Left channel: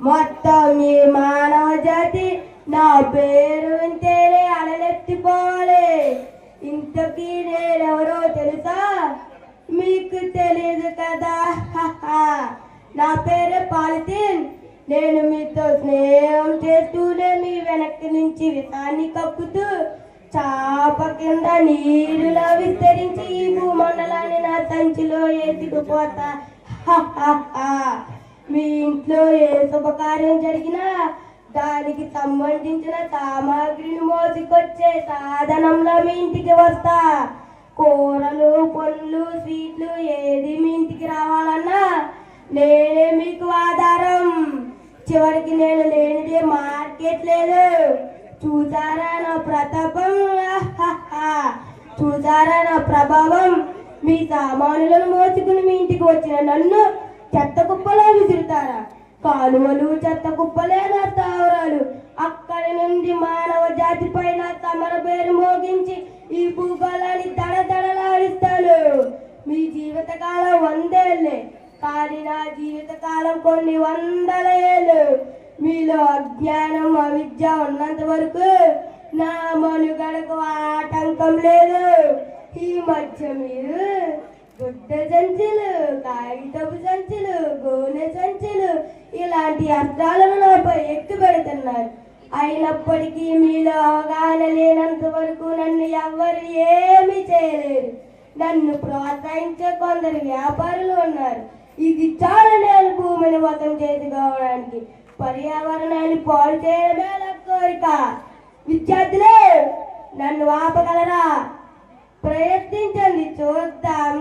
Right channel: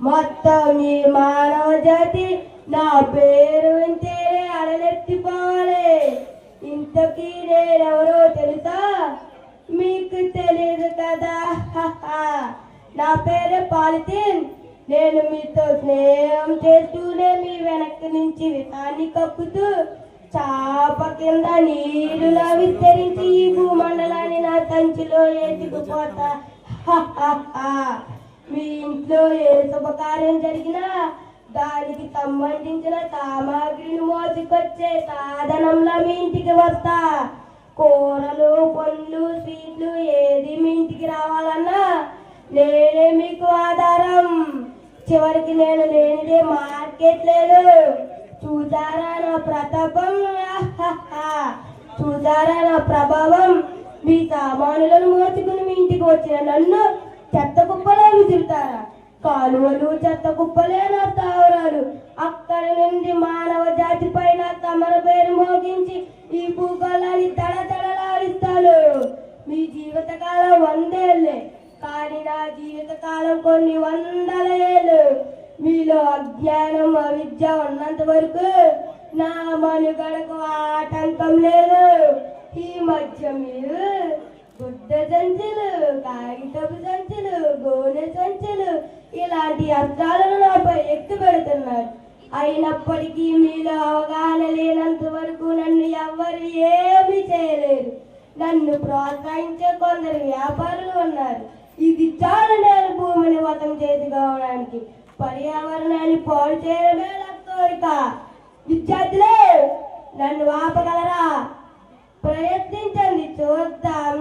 మొత్తం ఈ మానవ జాతి నా పేరు వింటేనే అలలెత్తిపోవాలి. ఇంతకీ నేనెవరో తెలుసా? మీకు తెలియదు కదా. నా పేరే పాలిథిన్. నేను మీతో స్నేహం చేస్తూనే మీ వెనక్కి నుంచి విషాన్ని కక్కుతూ చాప కింద నీరులా విస్తరించి ఈ భూమండలాన్ని నా సంచిలో ఎత్తుకుపోతా. మీ ఇంట్లో ఏ శుభకార్యం జరిగినా దానికి సంబంధించిన సామాగ్రిని మోసుకొచ్చే సాధనంలో మీ ఇంటికి వస్తా. కూరలు, పండ్లు, స్వీట్లు ఏది మీ ఇంటికి రావాలన్నా నేనే మీకు ఆధారం. చివరికి నేను లేనిదే మార్కెట్ లేదు. చూసారా నా ప్రతాపం? చూసారా నా ప్రభావం? మీ సామానులను మోసుకుని మీ ఇంటికి వచ్చిన నన్ను చెత్త కుప్పలో విసురుతారా? కాలువలు చెత్త కుప్పలే నా స్థావరాలు. అక్కడి నుండి మానవ జాతి పైన తమర పేరు మోగించి ఈ భూగోళాన్ని దడదడలాడిస్తాను. మీ జీవితకాలం 100 ఏళ్లే, కానీ నా జీవితకాలం కొన్ని 100ల ఏళ్ళు. మీలో అజ్ఞానం, అవిద్య ఉన్నంత వరకు నా మనుగడకు ఆటంకం లేదు. ఈ మధ్య మీరు గుడ్డ సంచులు, కాగితపు సంచులు, గోనె సంచులు ఇలాంటి అస్త్రాలను నాపై ఎక్కువ పెడుతున్నారు. అయినప్పటికీ మీలో అవగాహన లేనంత వరకు నన్ను ఎవ్వరు ఏమీ చేయలేరు. నన్ను ప్రోత్సహించే కొందరు వ్యాపారులు ఉన్నారు. ఇది చాలా నేను భూమిని మొత్తం చేసి కావడానికి పర్యావరణాన్ని పాడు చేయడమే నా కోరిక. విద్యార్థులే, నన్ను ఆపగలరా? ప్రయత్నించండి, చూద్దాం.